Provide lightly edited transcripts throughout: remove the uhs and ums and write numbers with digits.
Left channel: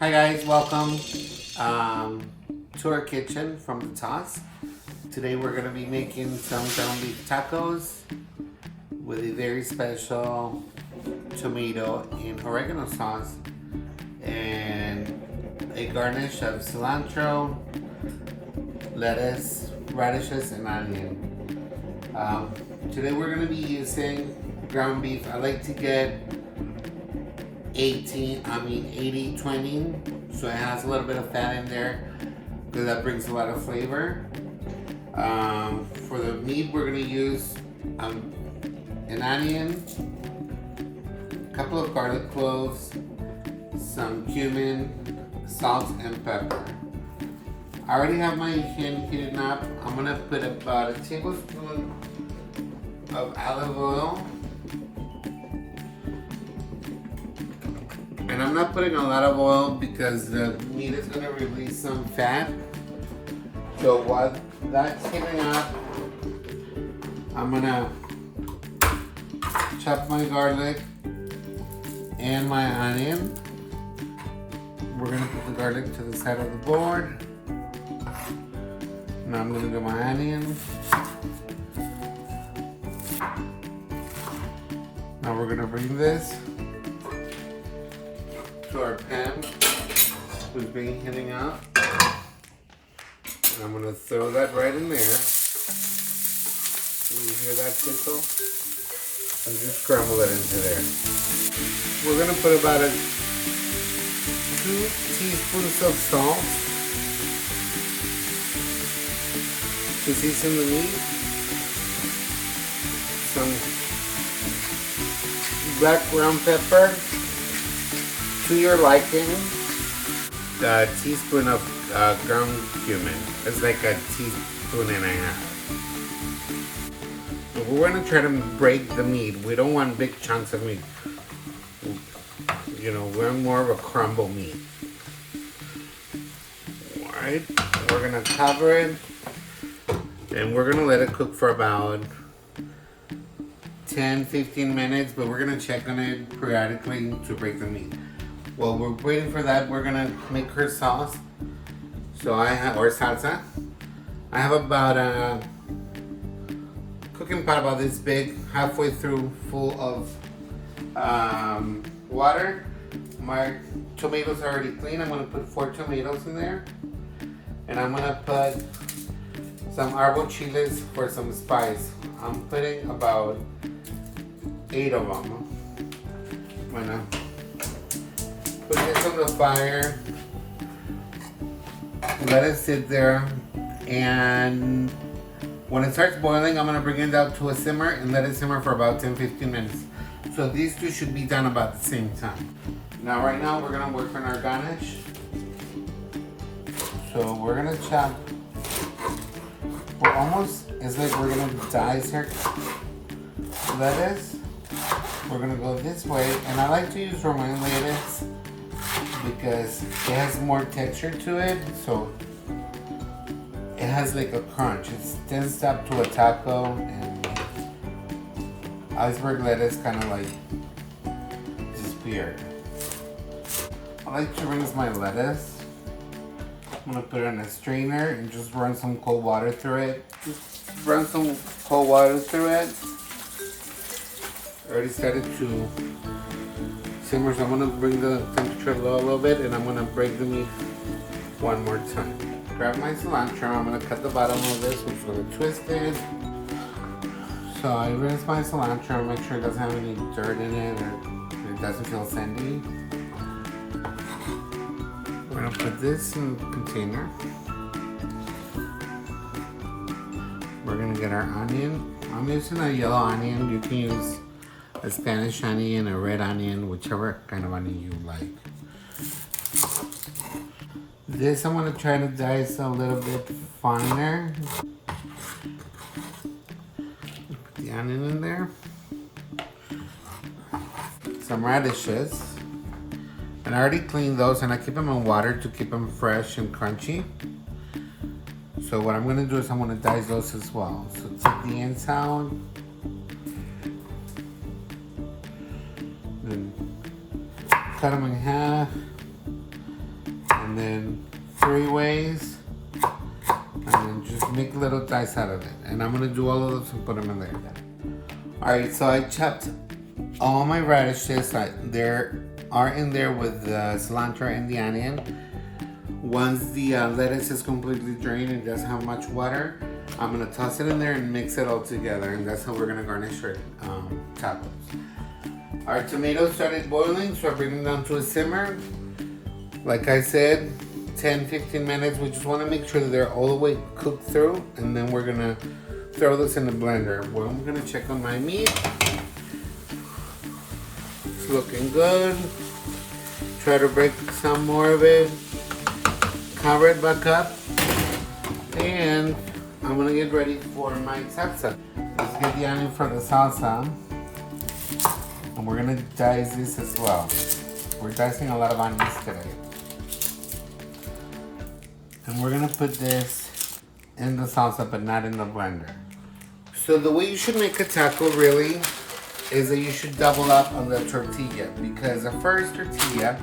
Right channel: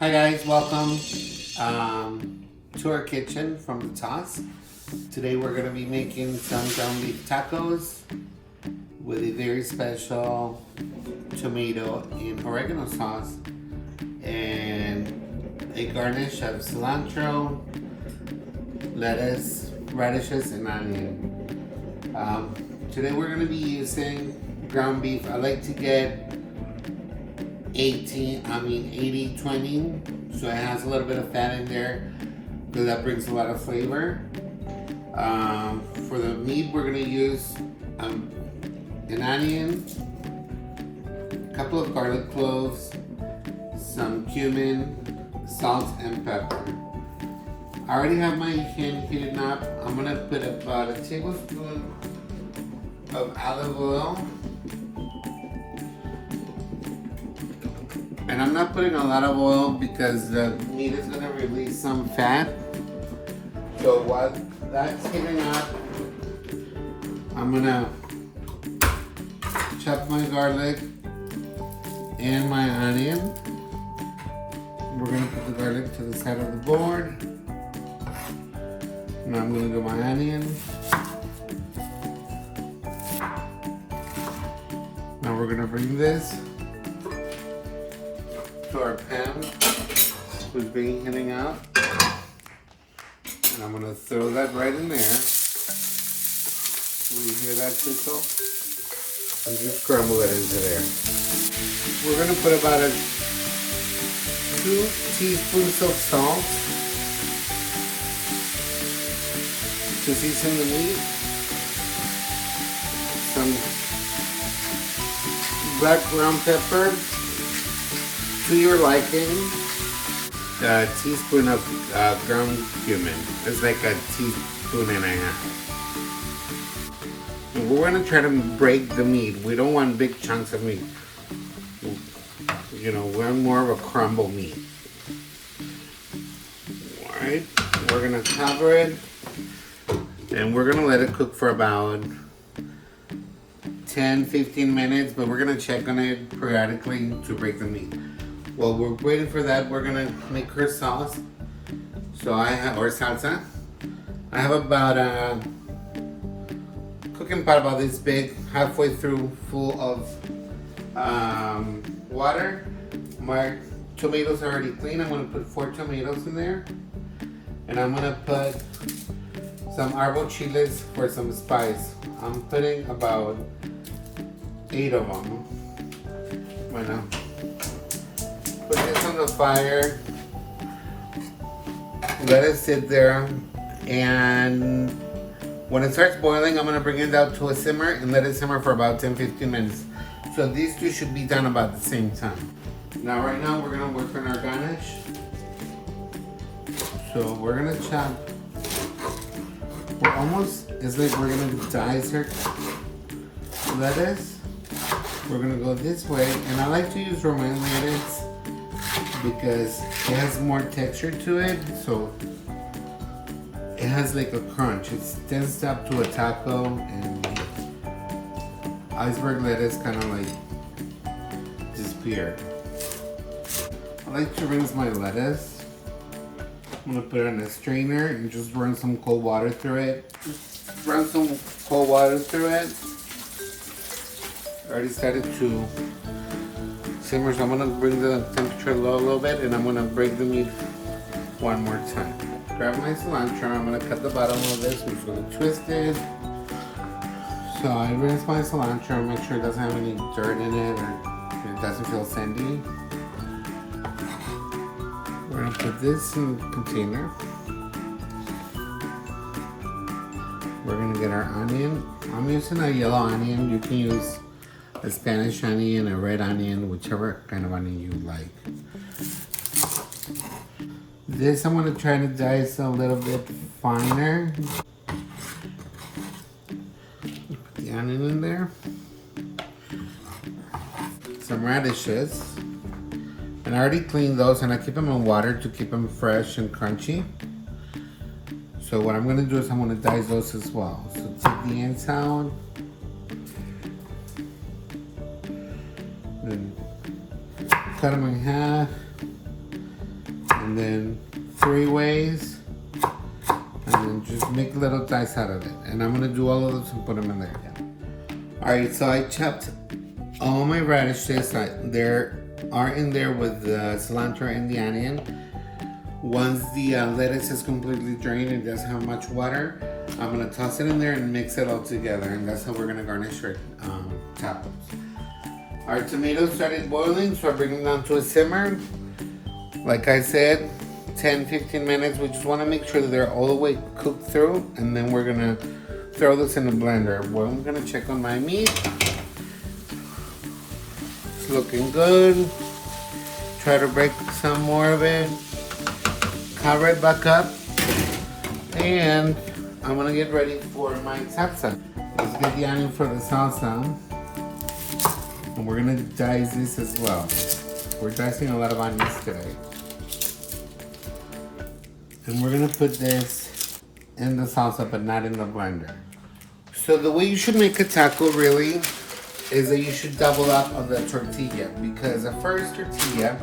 Hi guys, welcome to our kitchen from the Toss. Today we're going to be making some ground beef tacos with a very special tomato and oregano sauce and a garnish of cilantro, lettuce, radishes, and onion. Today we're going to be using ground beef. I like to get 80-20, so it has a little bit of fat in there because that brings a lot of flavor. For the meat, we're going to use an onion, a couple of garlic cloves, some cumin, salt, and pepper. I already have my pan heated up. I'm going to put about a tablespoon of olive oil. And I'm not putting a lot of oil because the meat is going to release some fat. So while that's heating up, I'm going to chop my garlic and my onion. We're going to put the garlic to the side of the board. Now I'm going to do my onion. Now we're going to bring this to our pan who's being heating up, and I'm gonna throw that right in there. You hear that tickle? And just crumble it into there. We're gonna put about 2 teaspoons of salt to season the meat, some black ground pepper to your liking, a teaspoon of ground cumin. It's like a teaspoon and a half. We're going to try to break the meat. We don't want big chunks of meat. You know, we're more of a crumble meat. Alright, we're going to cover it and we're going to let it cook for about 10-15 minutes, but we're going to check on it periodically to break the meat. While we're waiting for that, we're gonna make her sauce. So or salsa. I have about a cooking pot about this big, halfway through, full of water. My tomatoes are already clean. I'm gonna put 4 tomatoes in there, and I'm gonna put some arbol chiles for some spice. I'm putting about 8 of them. Bueno. Put this on the fire, let it sit there, and when it starts boiling, I'm going to bring it down to a simmer and let it simmer for about 10-15 minutes. So these two should be done about the same time. Now right now we're going to work on our garnish. So we're going to chop, it's like we're going to dice our lettuce. We're going to go this way, and I like to use romaine lettuce because it has more texture to it, so it has like a crunch. It stands up to a taco, and iceberg lettuce kind of like disappear. I like to rinse my lettuce. I'm gonna put it in a strainer and just run some cold water through it. I already started to simmer, so I'm going to bring the temperature low a little bit, and I'm going to break the meat one more time. Grab my cilantro, I'm going to cut the bottom of this, I'm just going to twist it. So I rinse my cilantro, make sure it doesn't have any dirt in it or it doesn't feel sandy. We're going to put this in the container. We're going to get our onion. I'm using a yellow onion. You can use a Spanish onion, a red onion, whichever kind of onion you like. This I'm going to try to dice a little bit finer. Put the onion in there. Some radishes. And I already cleaned those, and I keep them in water to keep them fresh and crunchy. So what I'm going to do is I'm going to dice those as well. So take the ends out. Cut them in half. then 3 ways, and then just make little dice out of it. And I'm gonna do all of those and put them in there. Alright, so I chopped all my radishes. They are in there with the cilantro and the onion. Once the lettuce is completely drained and doesn't have much water, I'm gonna toss it in there and mix it all together, and that's how we're gonna garnish our tacos. Our tomatoes started boiling, so I bring them down to a simmer. Like I said, 10-15 minutes. We just want to make sure that they're all the way cooked through, and then we're gonna throw this in the blender. Well, I'm gonna check on my meat. It's looking good. Try to break some more of it. Cover it back up, and I'm gonna get ready for my salsa. Let's get the onion for the salsa, and we're gonna dice this as well. We're dicing a lot of onions today. And we're gonna put this in the salsa, but not in the blender. So the way you should make a taco really is that you should double up on the tortilla, because the first tortilla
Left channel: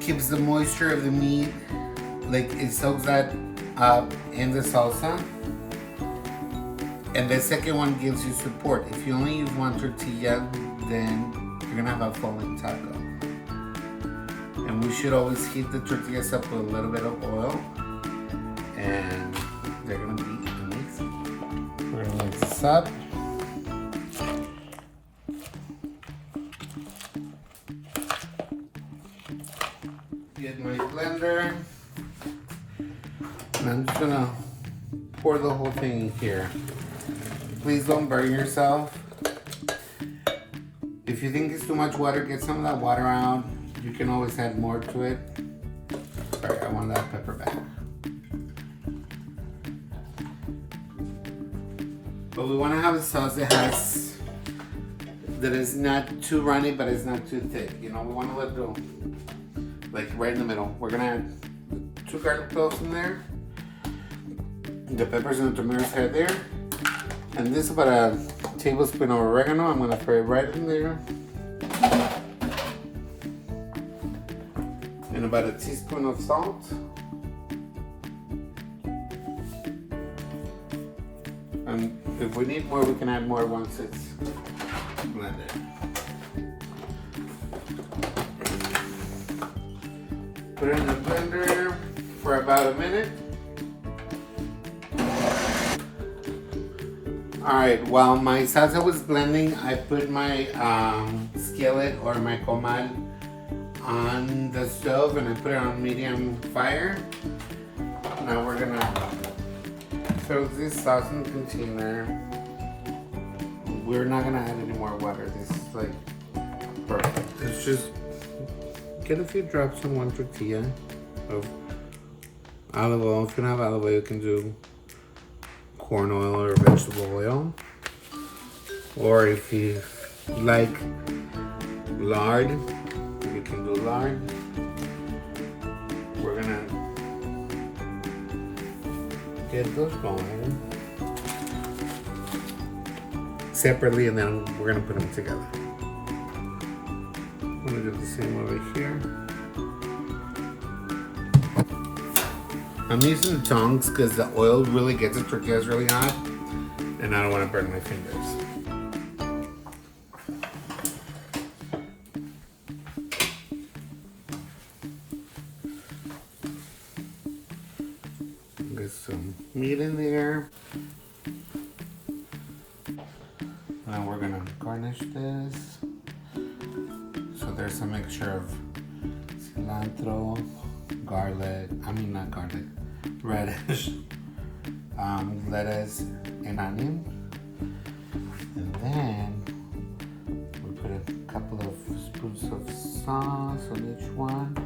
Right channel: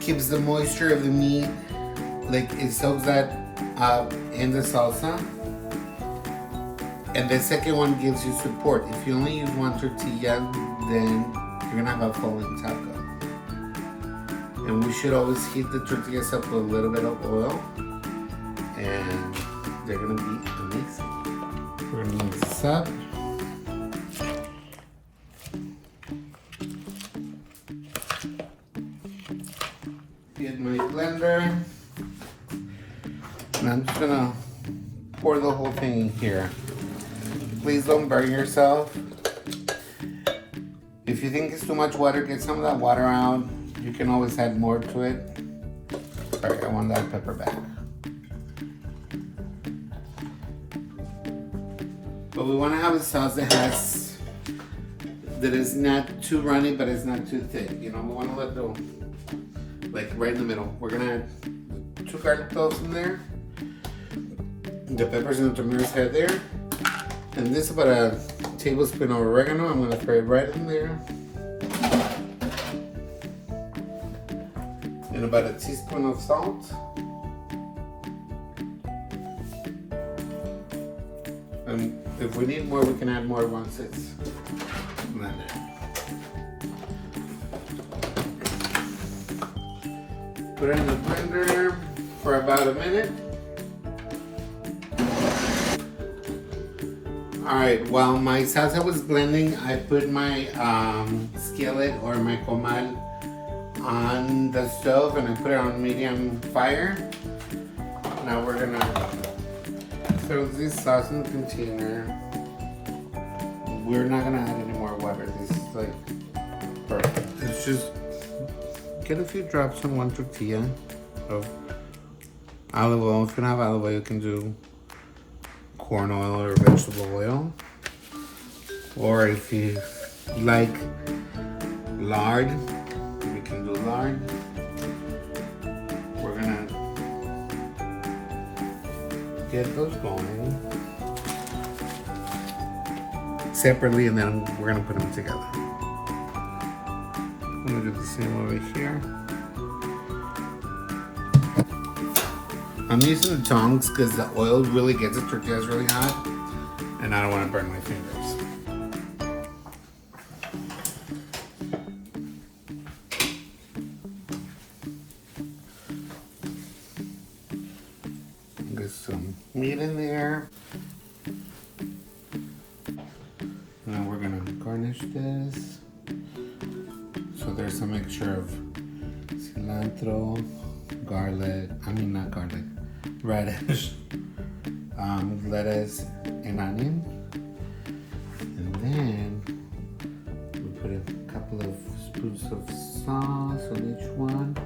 keeps the moisture of the meat, like it soaks that up in the salsa. And the second one gives you support. If you only use one tortilla, then you're gonna have a falling taco. And we should always heat the tortillas up with a little bit of oil, and they're gonna be amazing. We're gonna mix this up. Get my blender, and I'm just gonna pour the whole thing in here. Please don't burn yourself. If you think it's too much water, get some of that water out. You can always add more to it. Sorry, I want that pepper back. But we want to have a sauce that is not too runny, but it's not too thick. You know, we want to let go, like right in the middle. We're gonna add 2 garlic cloves in there, the peppers and the tomatoes right there, and this is about a tablespoon of oregano. I'm gonna throw it right in there. And about a teaspoon of salt. And if we need more, we can add more once it's blended. Put it in the blender for about a minute. Alright, while my salsa was blending, I put my skillet or my comal on the stove, and I put it on medium fire. Now we're gonna throw this sauce in the container. We're not gonna add any more water. This is like perfect. It's just get a few drops on one tortilla of olive oil. If you don't have olive oil, you can do corn oil or vegetable oil. Or if you like lard, you can do lard. We're gonna get those going separately, and then we're gonna put them together. I'm gonna do the same over here. I'm using the tongs because the oil really gets the tortillas really hot, and I don't want to burn my fingers. Get some meat in there. And then we're gonna garnish this. So there's a mixture of cilantro, radish, lettuce, and onion. And then we put a couple of spoons of sauce on each one.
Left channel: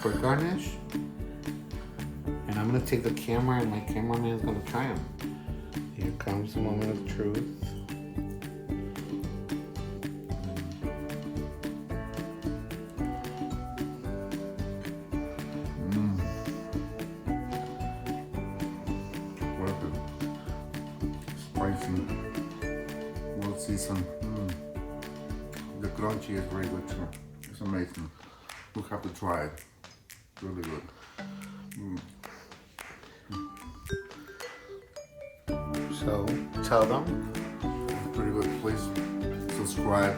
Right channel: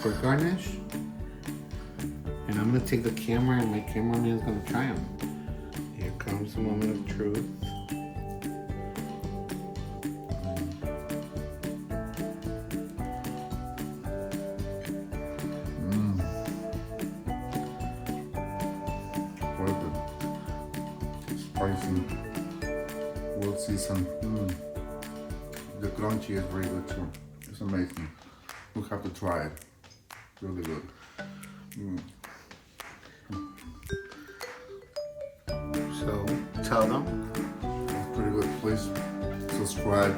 For garnish, and I'm gonna take the camera, and my cameraman is gonna try them. Here comes the moment of truth. spicy. We'll see some. The crunchy is very good too. It's amazing. We'll have to try it. Really good. So tell them. It's pretty good. Please subscribe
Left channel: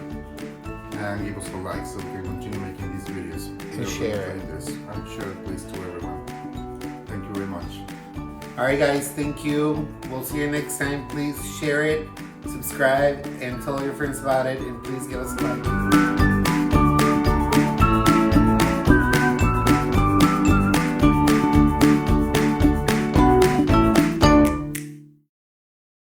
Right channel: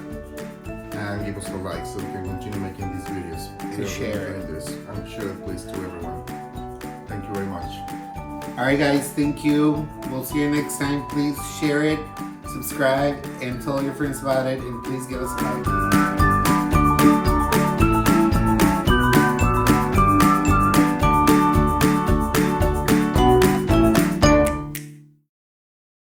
and give us a like so we can continue making these videos. To share it. This. I'm sure it please to everyone. Thank you very much. Alright guys, thank you. We'll see you next time. Please share it, subscribe, and tell your friends about it, and please give us a like.